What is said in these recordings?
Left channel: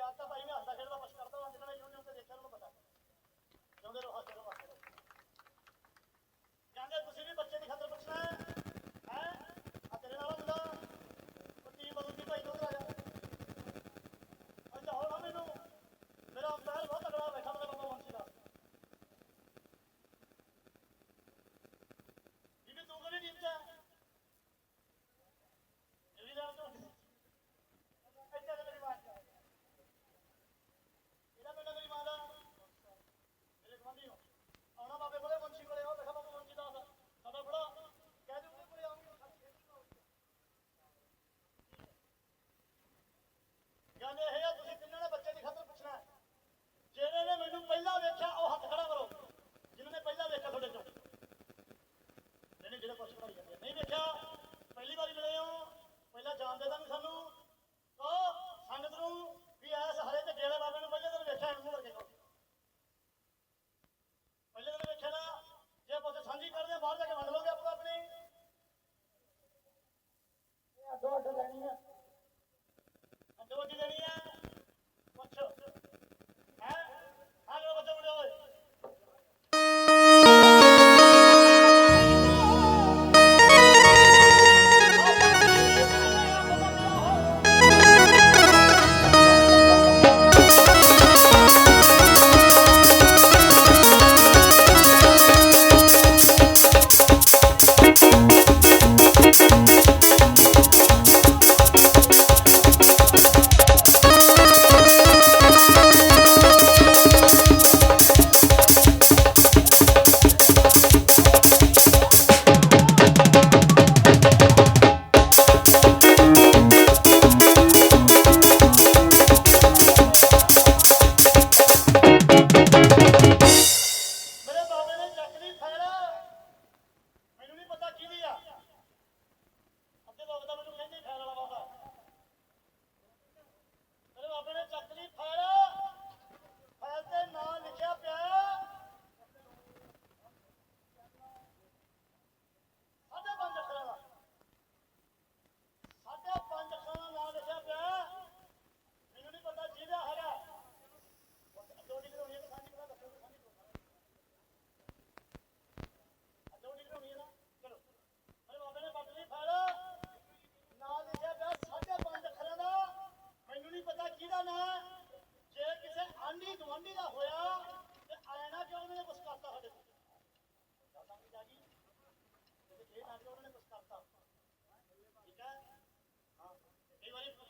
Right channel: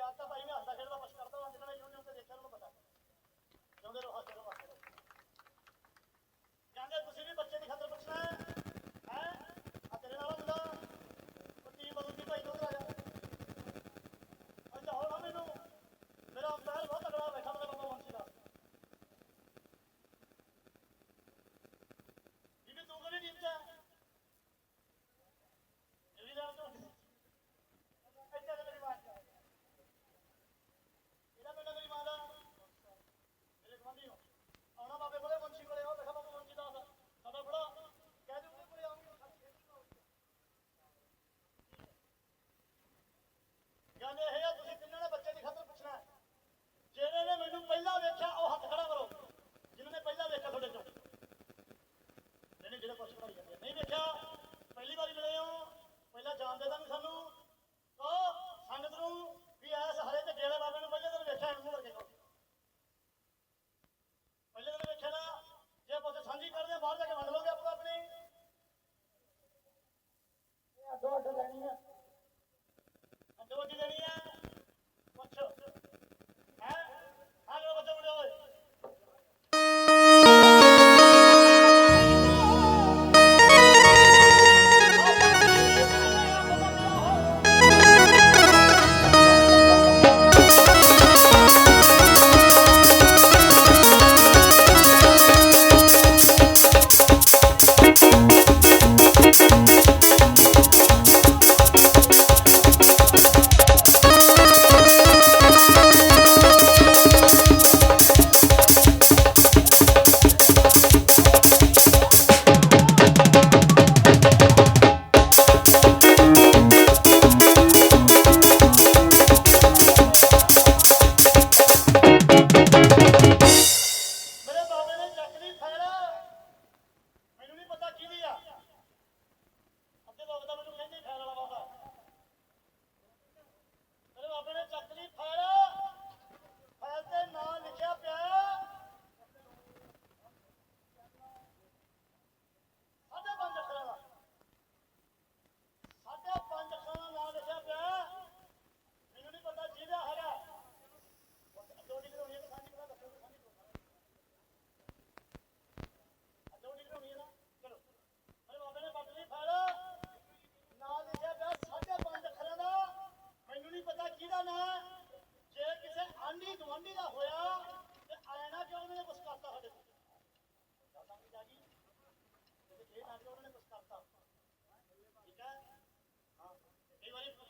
ਮੇਰੀ ਤਾਂ ਭਾਈ ਮੈਂ ਹੱਸਦਾ ਖੇਡਦਾ, ਕੁਛ ਕਰਦਾ ਹਾਂ ਜਿਹਨਾਂ ਨੇ YouTube ਤੇ ਦੇਖਿਆ ਉਹਨੂੰ ਪਤਾ। ਜਿਉਂਦੇ ਰਹੋ, ਹੱਸਦੇ ਰਹੋ ਹੱਸਦੇ ਰਹੋ। ਕਹਿੰਦੇ ਤੁਸੀਂ ਵੀ ਬੱਚੇ ਦੀ ਖਾਤਰ ਪੁੱਛਣਾ ਹੈ ਹੈ? ਆ ਤੇਰੇ ਨਾਲ ਮੁੰਡਾ। ਉਹ ਟੀਮ ਬਦਲਦੀ ਭਾਈ ਤੋਂ ਆ ਜਾ ਅੱਛਾ ਹੁਣ ਮੈਨੂੰ। ਮੇਰਾ ਅੰਪਾਇਰ ਬਹੁਤ ਤਗੜਾ ਬੈਠਾ ਮੇਰਾ ਬਾਬਾ ਮੁੰਸ਼ੀ ਦਾ। ਜਿਵੇਂ ਤੂੰ ਕਰੀ ਟੀਮ ਚ ਇਹ ਵੀ ਜਾਣ ਤੋਂ ਇੱਥੇ ਤੇ ਮੇਰੀ ਬਾਤ ਕਰ ਇਹਦਾ ਪਿੰਡ ਮੇਰੀ ਮਾਂ ਦਾ ਮੇਰੇ ਗਵਾਂਢੀ ਹੋ ਆਉਣਾ ਬਾਬੇ ਕੋਲੇ ਮੁੰਸ਼ੀ ਕੋਲੇ ਆਓ ਦੇਖਾ ਬਾਬਾ ਮੁੰਸ਼ੀ ਦਾ ਸਾਡਾ ਬੜਾ ਕਹਿ ਦਿਓ ਕੋਲੇ ਆਉਂਗੇ ਗੱਲ ਇਹ ਹੈ ਤੁਸੀਂ ਤਿੰਨਾਂ ਨੇ ਬੱਚੇ ਦੀ ਖਾਤਰ ਪੁੱਛਣਾ ਹੈ। ਜਿਹੜੇ ਨੇ ਮੈਨੂੰ ਪਹਿਲਾਂ ਵੇਖਿਆ ਉਹ ਹੱਥ ਖੜਾ ਕਰੋ। ਜਿਨ੍ਹਾਂ ਨੇ ਪਹਿਲਾਂ ਵੇਖਿਆ ਤੁਹਾਡੇ ਚੋਂ। ਨਹੀਂ ਜਿਹੜੇ ਕੁਛ ਬਣਾਈ ਜਾਂਦੇ ਨਹੀਂ ਵੇਖਿਆ ਪਹਿਲੀ ਵਾਰੀ ਮਿਲੇ ਹੋ ਪਹਿਲਾਂ ਜਾਣਦੇ ਤਾਂ ਨਹੀਂ ਸਾਨੂੰ। ਕਹੋ ਸੰਗਤ ਨੂੰ ਵੀ ਐਸ ਹਰੇ ਤੇ ਡੇਰੇ ਬਾਬੇ ਨੂੰ ਪਹਿਲੇ ਦਿਨ ਵੇਖਿਆ ਇਹਨੂੰ ਕਰਕੇ ਕਹੋ ਪਹਿਲੇ ਦਿਨ ਵੇਖਿਆ ਨਾ ਜੇ ਪੁੱਤ ਸਾਂਝੀ ਕਰਦੇ ਆ, ਬਾਹਰ ਜਾ ਕੇ ਵੰਡ ਲੋਗੇ ਆਪੋ ਆਪਣੀ ਇਹ ਅੱਡੋ ਅੱਡ ਲੈਣੀ ਆ। ਅੱਡੋ ਅੱਡੀ ਲੈਣੀ ਆ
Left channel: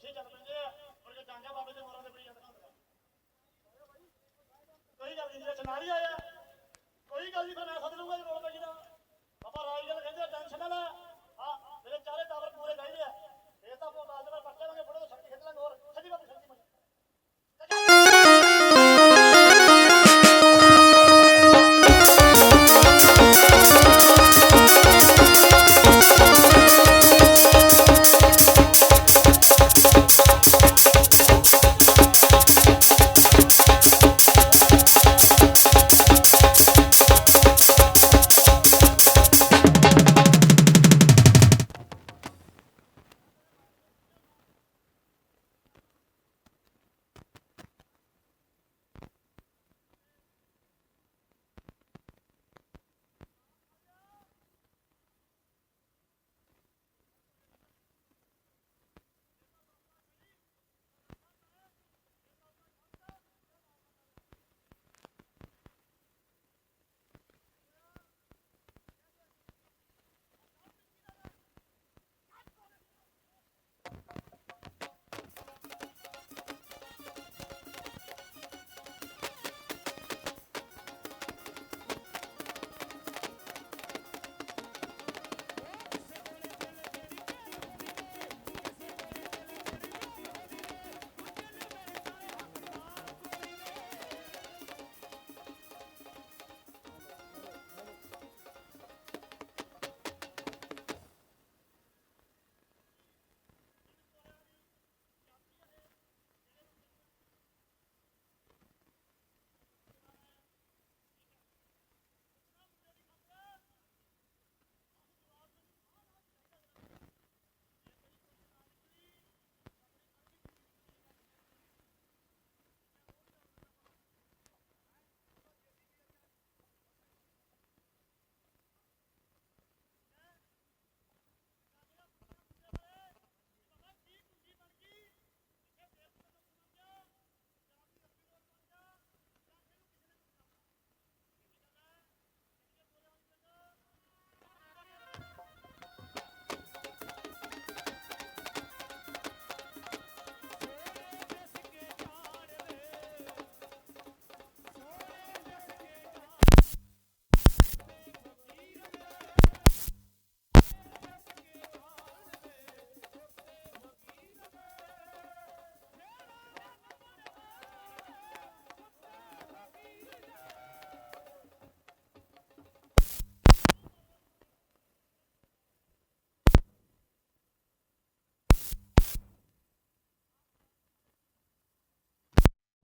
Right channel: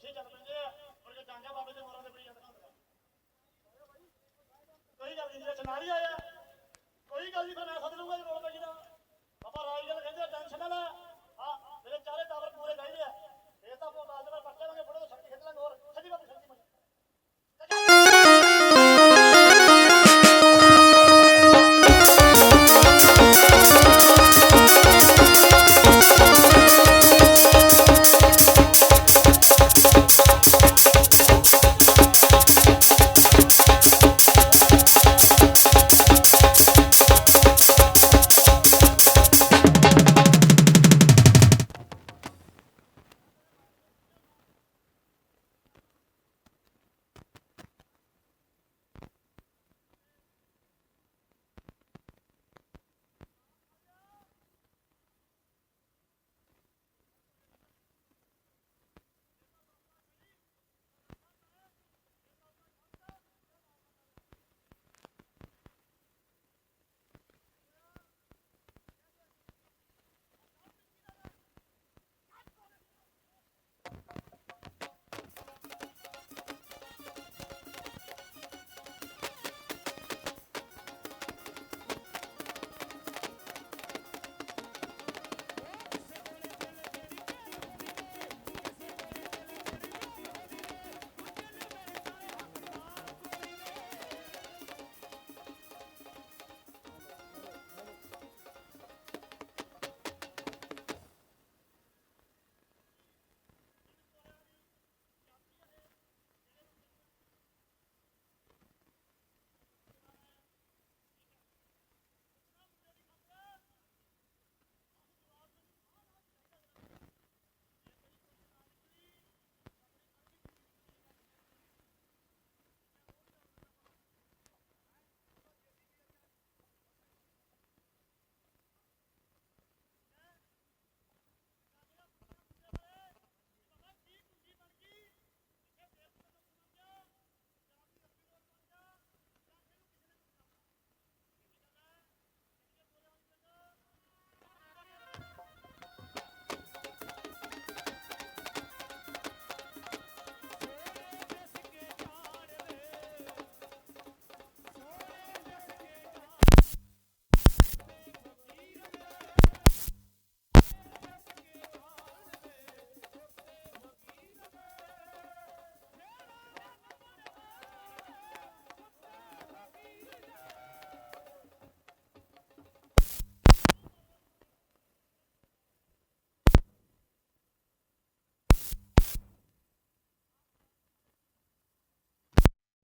ਪੁੱਛੇ ਚੱਲ ਪੈਂਦੇ ਆ ਪਰ ਜੇ ਜਾਂਗਾ ਬਾਬੇ ਦੇ ਮੋਰਾਂ ਦੇ ਬੜੀ ਜਾਂਦੀਆਂ ਹੁੰਦੀਆਂ। ਕੋਈ ਗੱਲ ਨਹੀਂ ਜੇ ਨਾਰੀ ਆਇਆ, ਕੋਈ ਗੱਲ ਨਹੀਂ ਫਿਰ ਮੈਂ ਸੱਦ ਲੂੰਗਾ ਜੇ ਲੋੜ ਪਈ ਤਾਂ ਬਾਬਾ ਰਾਜ ਗੱਲ ਕਹਿੰਦੇ ਟੈਨਸ਼ਨ ਨਾ ਲੈ। ਹਾਂ ਮੇਰੇ ਚਾਰੇ ਟਾਵਰ ਪੂਰੇ ਚਾਹੀਦੇ ਆ। ਇਹ ਤਾਂ ਆਪਾਂ ਬਾਅਦ ਵਿੱਚ ਪੱਕੇ ਲਾਂਗੇ ਫੋਟੋ ਸ਼ਕਤੀ ਖਿੱਚ ਲਾਂਗੇ ਹੋਰ। ਸੱਜੀ ਬਾਬੂ ਸੱਜੀ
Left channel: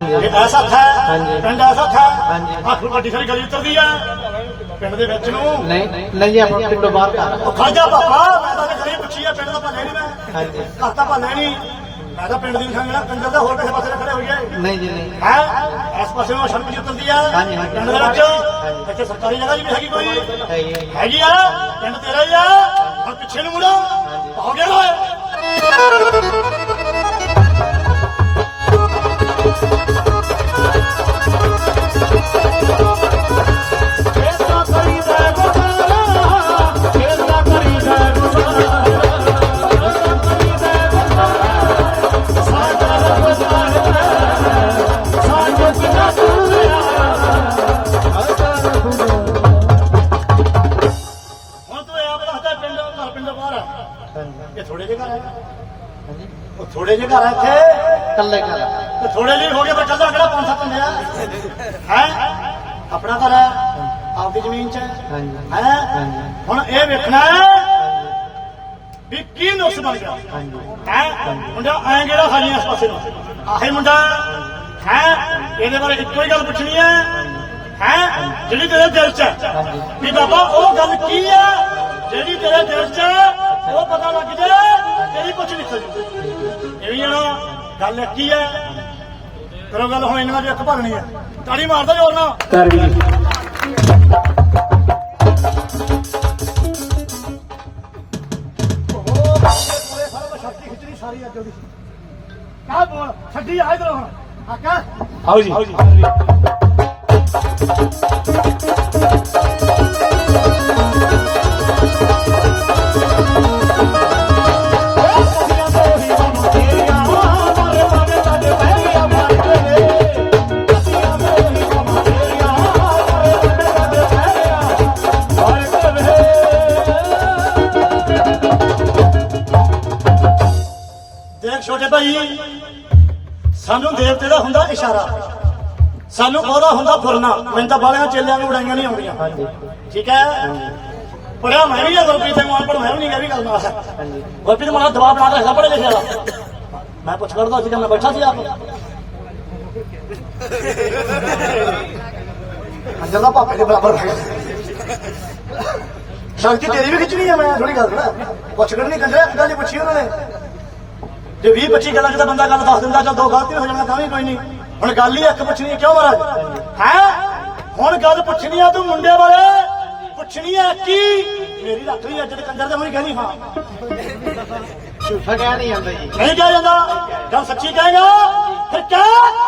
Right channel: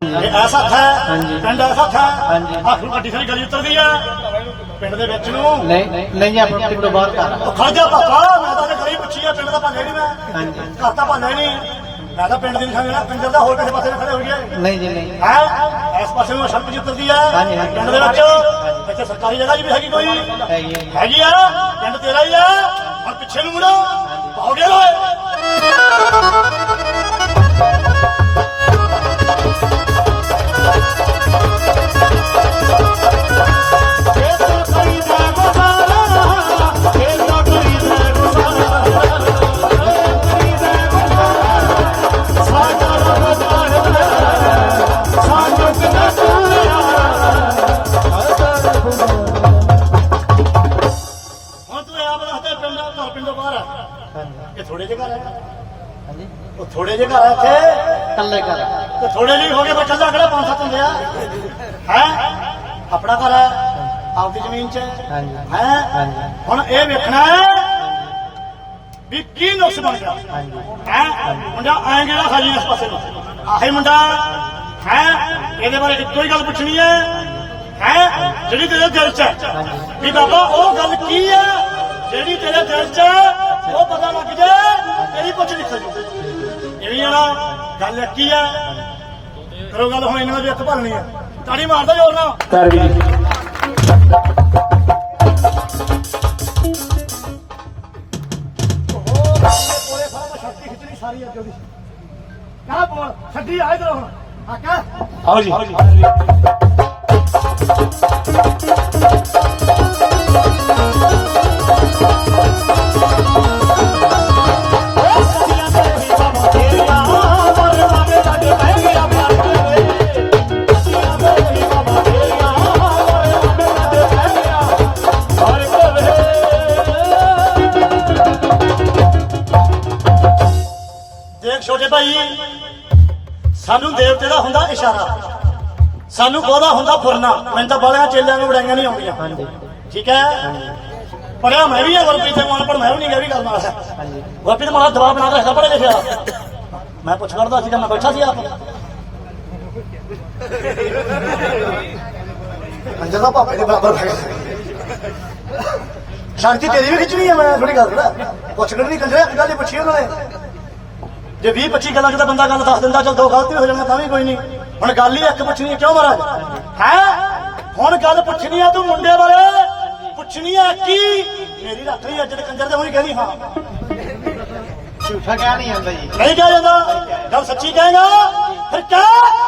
ਇਹ ਐਸਾ ਹੱਥ ਹੈ। ਪਿੰਡ ਐਸਾ ਹੱਥ ਹੈ। ਨੂੰ ਵੱਡੀ ਸਾਰੀ ਗਲੀ ਉਤਰਦੀ ਹੈ ਪਿੰਡ ਦੇ ਵਿੱਚ ਨੂੰ ਨਹੀਂ ਨਹੀਂ ਆਪਾਂ ਪਿੰਡੋਂ ਬਾਹਰ ਕਰ ਉਹ ਖੜ ਜਾ ਪਾਪਾ ਮੈਂ ਤਾਂ ਗਲੀ ਪੁੱਛੀ ਆ ਪਿੰਡ ਦਾ ਭਾਲੇ ਨਹੀਂ ਮੈਂ। ਹਾਂਜੀ। ਘਰ ਤਾਂ ਭਾਲੇ ਨਹੀਂ। ਮੈਂ ਤਾਂ ਪਿੰਡ ਦੀ ਨਿਸ਼ਾਨੀ ਜਿਹੜਾ ਕੰਜਰ ਦਾ ਹੋਰ ਕਿਸੇ ਪਾਸੇ ਖੜੇ ਹੋਈਏ। ਨਹੀਂ ਜੀ ਨਹੀਂ। ਹੈ? ਇਸ ਪਾਸੇ ਨੂੰ ਸੜਕ ਜੀ ਉਤਰਦੀ ਆ। ਪਿੰਡ ਦੇ ਵਿੱਚ। ਇੱਥੇ ਸਰਕਾਰੀ ਜਗ੍ਹਾ ਜੀ ਵੀ ਹੈਗੀ ਕੋਈ। ਹੈ ਜੀ। ਹੈਗੀ ਆ। ਪਿੰਡ ਤੇਰਾ ਹੀ ਆ। ਹੁਣ ਪਿੱਛੇ ਨੂੰ ਮੁੜੋ। ਹੋ ਗਿਆ ਓਏ। ਇਹ ਥੋੜੇ ਜਿਹੇ ਘਰ ਆ। ਹਾਂਜੀ ਉਹ ਥੋੜੇ ਜਿਹੇ ਘਰ ਆ ਇੱਥੇ। ਕੱਲੇ ਕਰ ਤੇ ਥੋੜੇ ਜਿਹੇ ਹੋ ਗਏ ਬੱਚੇ ਦਾ ਕਿਹੜਾ ਪੰਜ ਸੱਤ ਹੁੰਦੇ ਆ? ਹੈ? ਆਪਣਾ ਘਰ ਹੈ ਆਪਦੀ ਜ਼ਮੀਨ 'ਚ। ਹੈ? ਹੁਣ ਇਹ ਵੇਖਣਾ ਹੈ ਵੀ ਕੀ ਨੁਕਸ ਬਣ ਗਿਆ। ਹੈ? ਮੁੰਡਾ ਐਂ ਜਿਹੜਾ ਖਾਜੀ ਇਸ ਪਾਸੇ ਨੂੰ? ਆਹੇ ਮੁੰਡਾ ਹੈ। ਇਹਦੇ ਬਾਰੇ ਇੱਕੋ ਹੀ ਗੱਲ ਪੁੱਛਣੀ ਹੈ। ਹੈ? ਜਿਹੜੀ ਤੇਰੇ ਦਿਲ 'ਚ ਹੈ। ਵੀ ਬਾਬਾ ਉਹ ਗੱਲ ਕੀ ਆ ਜਿਹੜੀ ਤੇਰੇ ਦਿਲ 'ਚ ਹੈ, ਉਹ ਪਤਾ ਲੱਗ ਜਾਏ ਤੇਰੀ ਪੁੱਛ ਨਿਕਲ ਜੂ ਇਹ ਵੀ ਆ ਨਾ ਗੱਲ ਕੀ ਹੈ? ਕਰੋ ਗੱਲ ਹੁਣ ਇਹਨਾਂ ਦੀ ਅੱਖ ਭਰਨੀ ਹੈ ਤਾੜੀ ਮਾਰਦਾ ਜੋਰ ਨਾਲ। ਕਰ ਵੀ ਸਾਰਾ ਮੈਂ ਸ਼ਕਤੀ ਖਿੱਚਣੀ ਸਾਰੀ ਅੱਜ ਉਹਦੀ ਕਾ ਬੋਲ ਛੱਡੀ ਆ ਇਧਰ ਹੁਣ ਆ ਕਾ ਆਓ ਜੀ। ਦੇਖ ਸਾਨੂੰ ਬਹੁਤਾ ਹੁੰਦਾ ਫੁਰਨਾ। ਮੈਨੂੰ ਤਾਂ ਬਾਲਿਆਂ ਚੇਲਿਆਂ ਨੂੰ ਉਡਾਈਆਂ ਨਹੀਂ ਆਉਂਦੀਆਂ। ਠੀਕ ਹੈ? ਪੜਿਆ ਮੈਂ ਵੀ ਆ ਗੁਰਪ੍ਰੀਤ ਮਾਨ ਪਰ ਮੈਂ ਵੀ ਨਹੀਂ ਗਿਆ ਵੀ ਗੱਲ ਮਾਸਾ ਹਾਂਜੀ ਗੁਰਪ੍ਰੀਤ ਮਾਨ ਦਬਾਅ ਬਣਾ ਕੇ ਰੱਖਦਾ ਪੜੇ ਲਿਖਿਆ। ਮੈਂ ਪੁੱਛ ਕਰਦਾ ਸੀ, ਮੈਂ ਬੈਠਾ ਸੀ ਆਪ। ਅੰਜਲਾ ਪਾਪੇ ਦੇ ਬਰਾਬਰ ਸ਼ਾਂਤੀ ਤੇਰੀ ਵੀ ਖਿੱਚਣੀ ਹੈ ਮੈਂ ਥੋੜੀ ਗੱਲ ਕਰਾਂ। ਪੁੱਛ ਨਹੀਂ ਕੰਜਰਾ ਕਿਹਦਾ ਜੇ ਪੁੱਛੀ ਉਹਨਾਂ ਨੇ। ਜੇ 20 25 ਗੱਲਾਂ ਜਦੋਂ ਬੰਦਾ ਗੱਲ ਦੱਸ ਦਿੰਦਾ, ਚਲ ਦੋ ਗਲਤੀ ਹੋ ਜਾਣਾ, ਤਾਂ ਵੀ ਕੋਈ ਨਹੀਂ। ਹੁਣ ਗੱਲ ਹੀ ਇੱਕ ਪੁੱਛਣੀ ਹੈ ਕਿਉਂ ਮਾਰਿਆ ਹੈ? ਹੁਣ ਗੱਲ ਪੁੱਛਣੀ ਹੈ ਤੂੰ ਮੁੰਡੇ ਬਾਰੇ ਪੁੱਛਣੀ ਹੈ ਕੀ? ਮੇਰੀ ਰੱਖ ਲਈ ਅੱਜੜ ਕੰਜਰ ਤੇ ਉਹੀ ਕਹਿੰਦੀ ਹਾਂ। ਝੂਠਾ ਕਹਿ ਨਹੀਂ ਆਉਂਦਾ ਜੀ ਨਹੀਂ ਕਿਹਾ ਜਾਂਦਾ। ਗੱਲ ਸੱਚੀ ਕਹੇਗਾ। ਫਿਰ ਕਹਿ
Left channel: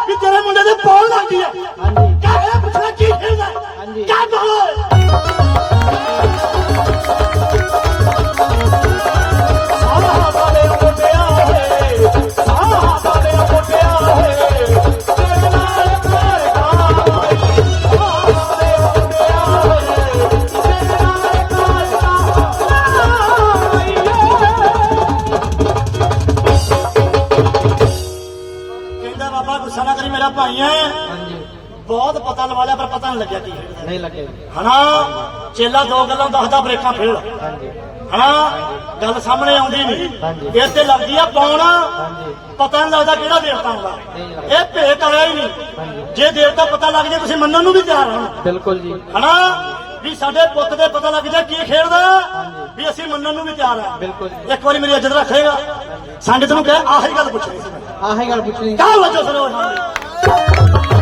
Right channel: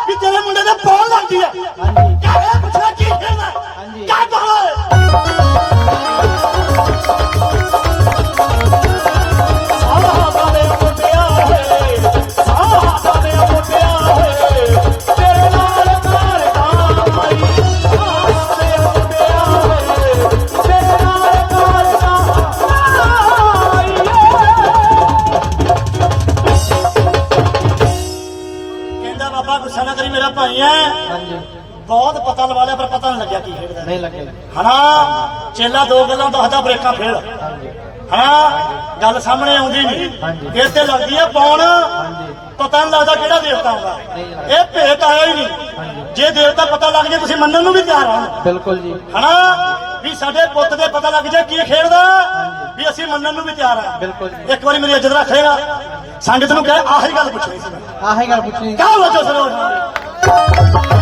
ਵੀ ਤੇਰੇ ਮੁੰਡੇ ਦੇ ਪੌਣ ਲੱਗਦੀ ਹੈ। ਹਾਂਜੀ। ਕਿਆ ਇਹ ਪੁੱਛਣਾ ਕੀ ਕਹਿੰਦਾ? ਹਾਂਜੀ। ਕਹਾਂ ਕਹਿੰਦਾ ਬਹੁਤ ਪਤਾ ਲਵਾ ਲਿਆ ਪਰ ਪਤਾ ਨਹੀਂ ਲੱਗਿਆ ਕੀ ਖੇਡਦਾ ਨਹੀਂ ਲੱਗੇ ਹਨਾ? ਚੇਲਾ ਦੋ ਗੱਲਾਂ ਦੱਸਦਾ ਬ੍ਰੇਕਾਂ ਫੇਰ। ਹਾਂਜੀ। ਹਨਾ? ਗੱਲ ਸਾਹਮਣੇ ਆਉਂਦੀ ਨਹੀਂ। ਇਸ ਤੇ ਲੱਗਦੀ ਆ ਪੌਣ ਹਾਂਜੀ। ਪਤਾ ਨਹੀਂ ਲੱਗਦਾ ਕਿਹੜਾ ਦੇਵਤਾ ਲੱਗਦਾ। ਇਹ ਭੇਤ ਆਇਆ ਹੀ ਨਹੀਂ। ਜੇ ਦੇਵਤਾ ਪਤਾ ਲੱਗ ਜੇ ਤੁਸੀਂ ਮੰਨਣ ਨੂੰ ਵੀ ਤਿਆਰ ਹੋਣ ਬਿਲਕੁਲ ਜੀ। ਹਨਾ? ਵੀ ਸਾਡੇ ਪੁੱਤ ਦੇ ਪਤਾ ਲੱਗ ਜਾ ਕੀ ਖੇਡਦਾ? ਵੀ ਅਸੀਂ ਮੰਨਣ ਨੂੰ ਵੀ ਤਿਆਰ ਆ। ਬਿਲਕੁਲ ਜੀ। ਇੱਕ ਵਾਰੀ ਮੇਰੀ ਇੱਜ਼ਤ ਰੱਖੇਗਾ। ਸੰਗਤ ਨੂੰ ਕਹਿ ਆਹੀ ਗੱਲ ਪੁੱਛਣੀ ਸੀ ਆਹੀ ਗੱਲ ਪੁੱਛਣੀ ਕਾਹ ਵਜੋ ਸੁਣੋ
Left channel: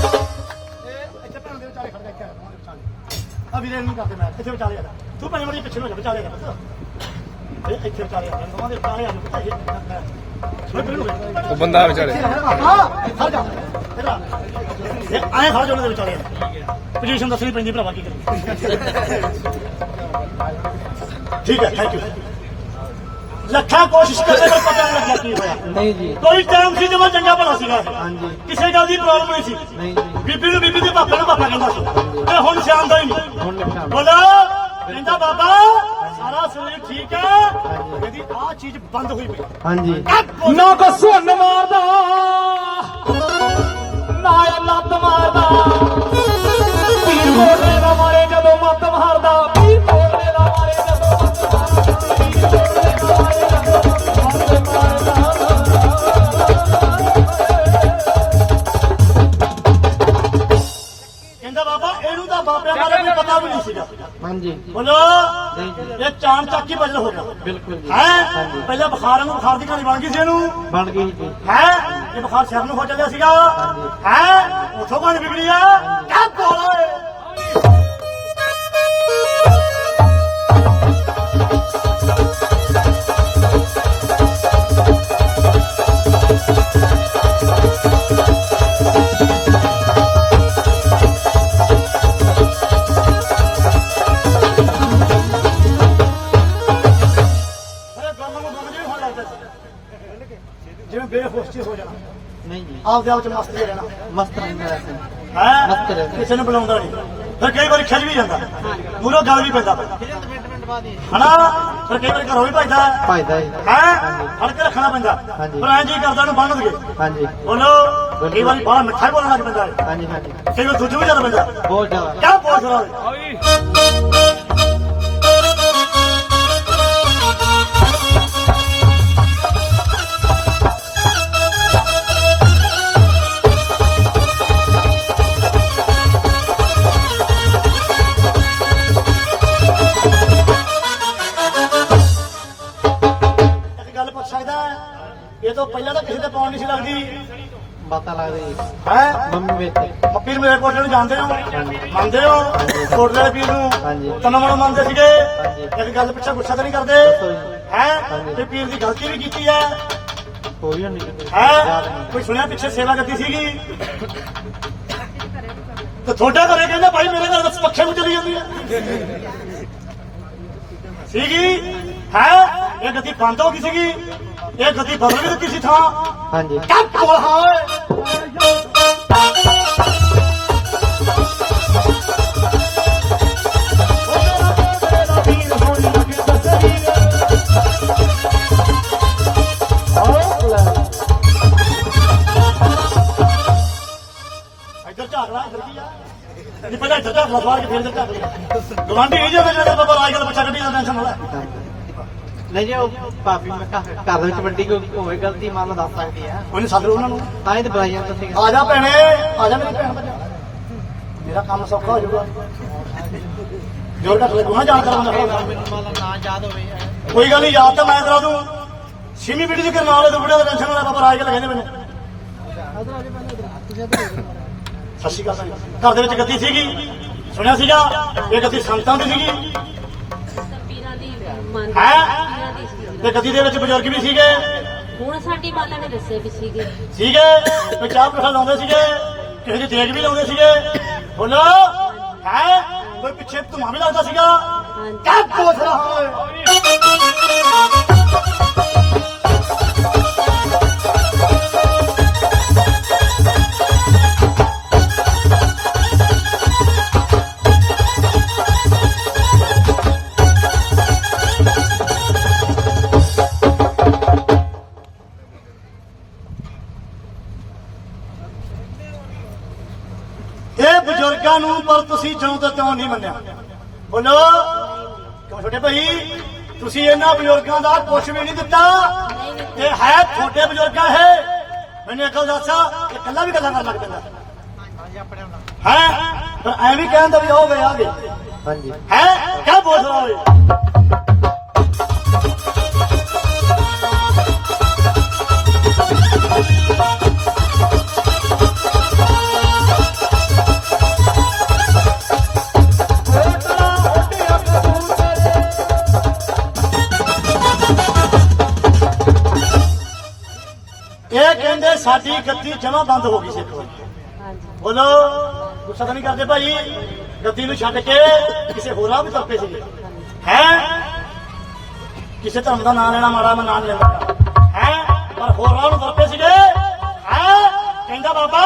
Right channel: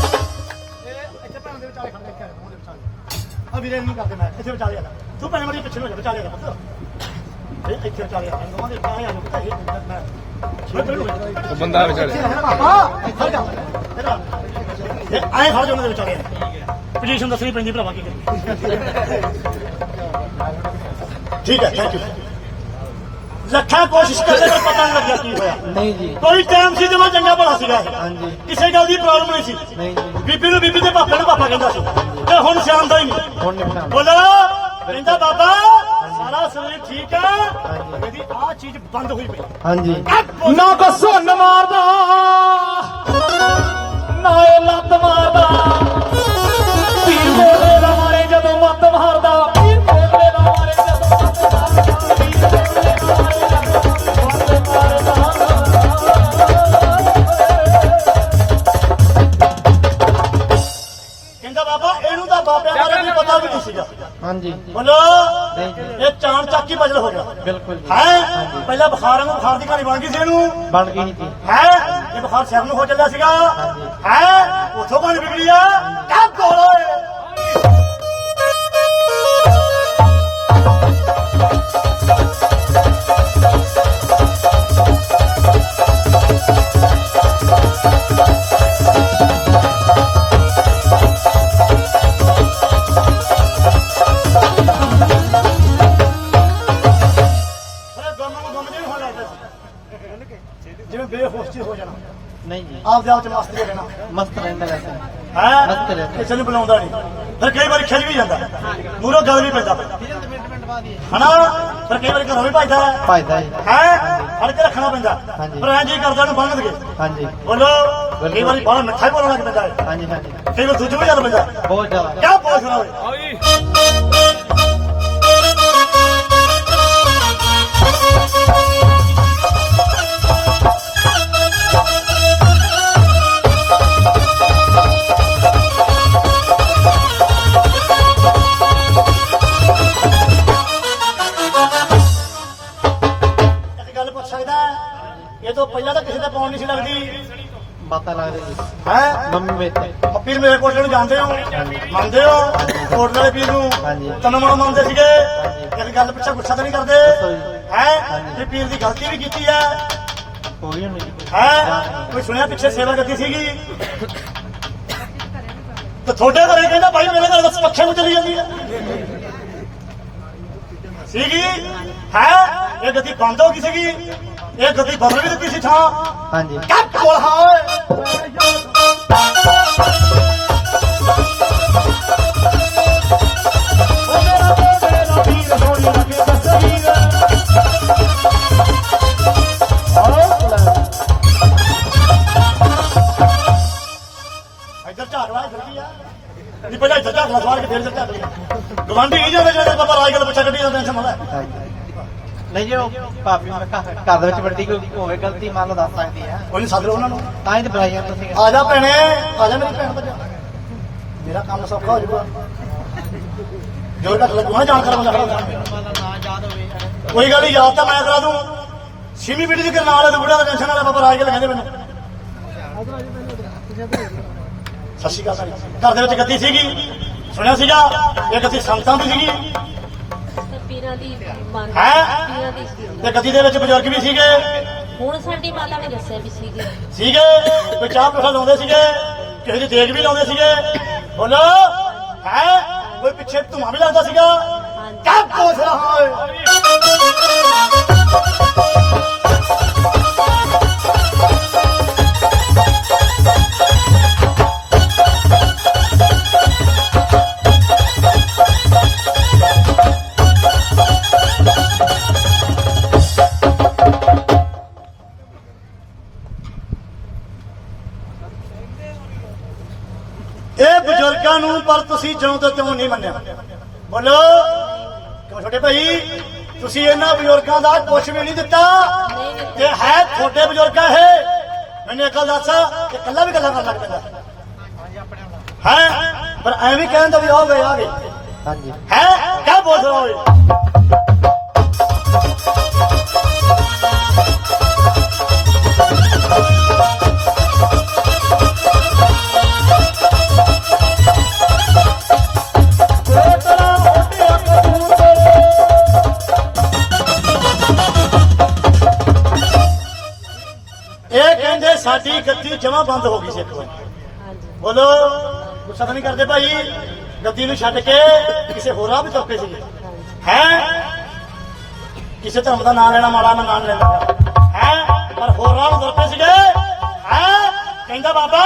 ਇੱਥੇ ਭੈਣ ਦੇ ਵਿਚਾਲੇ ਖੜ ਜਾ ਇੱਥੇ ਆ ਜਾ, ਵਿਚਾਲੇ। ਵੀਰੇ ਨਹੀਂ ਕਰਦੇ ਮੈਂ ਇੱਥੇ ਵਿਚਾਲੇ ਆ ਜਾ। ਤੂੰ ਭੈਣ ਮਰੀ ਪਿੱਛੇ ਨੂੰ ਹੋ ਜਾ ਵਿਚਾਲੇ ਆ ਜਾ ਪੁੱਤ। ਇੱਥੇ ਵਿਚਾਲੇ ਆ ਜਾ ਦੋਵਾਂ ਦੇ ਵਿਚਾਲੇ ਆ ਜਾ ਪੁੱਤ ਇਹ ਮੈਂ ਉਹ ਬੰਦਾ ਵਿਚਾਰੇ ਇੱਥੇ ਆ ਜਾ। ਆ। ਇਹ ਆਏ ਖੜ ਜਾ ਉਹਨਾਂ ਦੇ ਵਿਚਾਲੇ। ਪੋਜੀਸ਼ਨ ਦੱਸਣੀ ਪੈਂਦੀ ਭਰਾਵਾ ਕੀ ਕਰੀਏ? ਠੀਕ ਹੈ ਥੈਂਕ ਯੂ ਲੱਖਾਂ ਕੋਸ਼ਿਸ਼ ਕਰਦੇ ਪਰ ਪਤਾ ਨਹੀਂ ਲੱਗਿਆ ਕੀ ਹੋਇਆ। ਨਹੀਂ ਜੀ। ਕੋਈ ਟਾਈਮ ਸੀ ਜਦੋਂ ਚੰਗਾ ਭਲਾ ਸੀਗਾ। ਹਾਂਜੀ। ਕਿਸੇ ਗੱਲ ਦੀ ਪ੍ਰੋਬਲਮ ਨਹੀਂ ਸੀ। ਨਹੀਂ ਜੀ। ਬੀਬੀ ਨੂੰ ਬੀਬੀ ਦੇ ਪਾਪੇ ਨੂੰ ਪਾਪਾ ਕਹਿੰਦਾ ਸੀ। ਤੇ ਹੁਣ ਹੀ ਨਹੀਂ ਹੁਣ ਨਿਕਣਾ ਬੋਲਾ ਕਹਿੰਦਾ ਬਾਬਾ ਸਾਰਾ ਸਰੀਰ ਠੀਕ ਹੈ? ਇਹਦੀ ਆ ਚੀਜ਼ ਬੰਦ ਹੋਈ ਪਈ। ਹਾਂਜੀ। ਨਾ ਕਸੂਨ ਮਾਰਦਾ ਨਾ ਇਹ ਲੱਤ ਮਾਰਦਾ। ਪੀਰ ਮੇਰੇ ਲਾਰੇ ਜਦੋਂ ਮੱਤ ਮਾਰਦਾ ਪੀਰ ਮੇਰੇ ਲਾਰੇ ਜਦੋਂ ਮੱਤ ਮਾਰਦਾ। ਕਹਿੰਦਾ ਬਾਬਾ ਇਹਨੂੰ ਤਾਂ ਬਾਬਿਆਂ ਦਾ ਪਤਾ ਵੀ ਨਹੀਂ ਸੀਗਾ। ਹਾਂਜੀ। ਬੋਲੋ ਇਹ ਚਾਣ ਚੱਕ ਹੀ ਹੋ ਗਿਆ। ਬਿਲਕੁਲ ਜੀ। ਹੈ? ਪਹਿਲਾਂ ਬੁਖਾਰ ਨੂੰ ਬੁਖਾਰ ਦੀ ਕਹਾਣੀ ਬਣ ਗਈ ਸੀ ਇਹਨੂੰ। ਬਣ ਗਈ ਜੀ। ਹੈ? ਇਹ ਬੁਖਾਰ ਸਿਰ ਨੂੰ ਹੋ ਚੱਲਿਆ ਸੀਗਾ। ਹੈ? ਉਥੋਂ ਕਹਾਣੀ ਵਿਗੜੀ ਆ। ਕਾ ਕੋਲ ਆਪਦੇ ਆਪ ਚ ਮਸਤ ਹੀ ਰਹਿਣਾ। ਮਸਤ ਰਹਿੰਦਾ ਵੈਸੇ। ਹੈ? ਮਸਤ ਰਹਿੰਦਾ। ਕਿਸੇ ਨੂੰ ਬੁਲਾਉਂਦਾ ਨਹੀਂ। ਫਿਰ ਕਈ ਵਾਰੀ ਖਿੱਚ ਵੀ ਜਾਂਦਾ। ਮੂਰੋ ਗੱਲ ਵੀ ਪੈਂਦਾ। ਹਨਾ? ਫਿਰ ਕਈ ਵਾਰੀ ਘਰੋਂ ਵੀ ਭਜਦਾ। ਹੈ ਫਾਇਦਾ ਜੀ। ਹੈ? ਫੜ ਕੇ ਰੱਖਣਾ ਪੈਂਦਾ। ਹਾਂਜੀ। ਪਰ ਐਂ ਜੀ ਕਰਦਾ ਨੂੰ ਬੰਨ ਦਗੇ ਹਾਂਜੀ। ਬੋਲੋ ਕਈ ਵਾਰੀ ਬਾਹਰ ਮਿੱਠਾ ਹੀ ਬੋਲਣ ਲੱਗ ਪੈਂਦਾ ਹੈ। ਹਾਂਜੀ ਹਾਂਜੀ। ਕਈ ਵਾਰ ਦੂਜੇ ਵੀ ਚੱਲ ਪੈਂਦਾ। ਬਹੁਤ ਜ਼ਿਆਦਾ। ਕਿਆ ਬੋਲ ਰਿਹਾ ਓਏ। ਲੱਗਦੀ? ਬਾਤਾਂ ਲੱਗਦੀ ਹੈ? ਮੰਮੀ ਵਿੱਚ ਪੀਰ ਮੇਰੇ ਕੋਟਲੇ ਨੂੰ ਜਾਣਦੇ ਹੋ? ਮੰਨਦੇ ਹੋ? ਕੋਟਲੇ ਦੇ ਪੀਰ ਨੂੰ? ਹਾਂਜੀ। ਤਨੋਂ ਮਨੋਂ ਮੰਨਦੇ ਸੀਗੇ। ਕਦੀ ਗੱਲ ਪਿੱਛੇ ਗੁੱਸਾ ਤਾਂ ਨਹੀਂ ਕਰਦੇ। ਹੈ। ਤੇ ਪੀਰ ਦੀ ਗਲਤੀ ਵੀ ਕੀਤੀ ਹੈ ਕੋਈ ਨਹੀਂ ਹੈ? ਕੋਈ ਸੁਣਿਆ ਪਿੱਛੇ ਸੇਵਾ ਕਰਦੀ ਸੀਗੀ? ਤੇ ਤੁਹਾਡੇ ਘਰੇ ਕਹਿੰਦਾ ਭਾਈ ਮੇਰੇ ਤਾਂ ਪੱਖੇ ਨੂੰ ਚਲੀ ਜਾਂਦੀ ਹੈ ਸੀਗੀ? ਹੈ? ਇਹ ਗੱਦੀ ਬੰਦ ਹੋ ਗਈ ਸੀਗੀ? ਇਹ ਗੱਦੀ ਬਦਲ ਵੀ ਦਿੱਤੀ ਸੀ ਥਾਂ। ਹਾਂਜੀ। ਕੱਟ ਕੋਲ ਹਾਂ ਇੱਧਰ ਝਾਕ ਲਾ ਇੱਧਰ ਕੀ ਆ। ਨਹੀਂ ਪਹਿਲਾਂ ਇੱਧਰ ਝਾਕ ਲਾ ਬਾਹਰ ਕੇ ਫਿਰ ਇੱਧਰ ਝਾਕ ਲਈ ਗਵਾਂਢੀ ਇਹ ਜੇ ਮੇਰੇ ਬਾਬਾ ਰਾਜ ਗੱਲ ਪੁੱਛਿਆ ਕੱਢੀ ਟੈਨਸ਼ਨ ਹੋਣਾ ਨਹੀਂ ਜੀ ਉਹ ਭਾਬੀ ਮੈਂ ਘਰ ਘਰ ਦੇ ਵਿੱਚ ਵੱਡੀ ਕੋਈ ਹੋਵੇ ਗਲਤੀ ਮੰਨ ਦੱਸ ਸਕਦੀ ਆ ਉਹਨੇ ਸੱਦ ਲਓ ਉਹਨਾਂ ਨੂੰ। ਤਾਂ ਹੀ ਤਾਂ ਬੁਲਾਈਆਂ ਤੁਸੀਂ ਆ ਜਾ ਭੈਣੇ ਆ ਜਾ ਮੇਰੀ ਭੈਣ ਬੱਚਾ ਮੇਰਾ ਕੰਮ ਸੌਖਾ ਹੋ ਜਾਊਗਾ। ਜੋ ਤੱਕ ਲੱਗੂਗਾ ਜਾਣ ਕਰ ਕੋਈ ਗੱਲ ਨਹੀਂ ਯਾਦ ਤਾਂ ਮੈਂ ਕਰਾ ਦੂੰ ਛੇਵੀਂ ਪੀੜੀ ਦੇ ਨਾਲ ਵਾਲੇ ਬੁੜਾ ਦਾ ਟੈਨਸ਼ਨ ਨਾ ਲੈ ਬਾਬਾ ਰਾਜ ਕੇ ਕਹਿੰਦੇ ਮੈਨੂੰ। ਸਤਿ ਸ਼੍ਰੀ ਅਕਾਲ ਘਰ ਦੇ ਵਿੱਚ ਗੱਦੀ ਸੀਗੀ। ਸੁਣਿਆ ਸੀਗਾ? ਇਹ ਗੱਦੀ ਸੰਤਾਂ ਦੀ ਸੀਗੀ। ਪੀਰਾਂ ਦੀ ਮੰਨ ਹੈਂ? ਤੇ ਗੱਦੀ ਦੇ ਵਿੱਚ ਬਜ਼ੁਰਗ ਵੀ ਸੀਗੇ? ਹੁਣ ਸਾਡੀ ਮਾਤਾ ਨੇ ਦੱਸੇ ਵੀ ਸੀਗੇ। ਸੀਗੇ? ਕੋਈ ਚਾਹ ਪ੍ਰਸ਼ਾਦ ਲਾਉਂਦੇ ਸੀਗੇ? ਕਿਸੇ ਦੀ ਦੇਗ ਵੀ ਲਾਉਂਦੇ ਸੀਗੇ? ਬੋਲੋ ਹੈ? ਕੋਈ ਪਿੱਛੇ ਧੂਆਂ ਵੀ ਲੱਗਦਾ ਸੀਗਾ? ਹਾਂਜੀ। ਕਾ ਕੋਸ ਰਹਾ ਤੁਸੀਂ ਜਿਉਂ ਤੇ ਤਿਉਂ ਨਹੀਂ ਮੰਨਿਆ? ਬੋਲੋ। ਕਿਉਂ ਛੋਟੇ ਭਾਈ? ਤੁਸੀਂ ਇਹਨਾਂ ਬਜ਼ੁਰਗਾਂ ਦਾ ਕੁਝ ਵੀ ਨਹੀਂ ਦਿੱਤਾ। ਇਹ ਹੈ ਛੋਟੇ ਬਜ਼ੁਰਗਾਂ ਹੈ ਮੈਨੂੰ ਇੱਕ ਗੱਲ ਦੱਸ ਕਿ ਕੱਲਾ ਵੀ ਗੱਲਾਂ ਕਰਨ ਲੱਗ ਪੈਂਦਾ ਹੈ? ਪਰ ਐਵੇਂ ਕਹਿੰਦਾ ਵੀ ਆ ਗਏ ਆ ਗਏ ਹਾਂਜੀ। ਹੈ? ਕਿਆ ਬੋਲ ਰਹਾ ਓਏ? ਇਹ ਕਹਿੰਦੇ ਸਾਡੀ ਗੱਦੀ ਜਮਾ ਬੰਦ ਹੋ ਗਈ ਸੀ ਇੱਕ ਵਾਰੀ। ਬੋਲੋ, ਗੁੱਸਾ ਨਹੀਂ ਕਰਦੇ ਭਾਈ। ਗੱਦੀ ਨੂੰ ਛੱਡ ਕੇ ਕਿਸੇ ਹੋਰਾਂ ਵੀ ਤੁਰਪੇ ਸੀਗੇ। ਹੈ? ਕਿਸੇ ਧਰਮ ਦਾ ਨਾਮ ਲੈਣਾ ਮਾੜਾ, ਮੈਂ ਨਾਮ ਲੈਂਦਾ। ਹੈ? ਪਰ ਹੋਰਾਂ ਨੂੰ ਤੁਰਪੇ ਸੀਗੇ। ਹੈ? ਕਹਿੰਦਾ ਬਾਬਾ,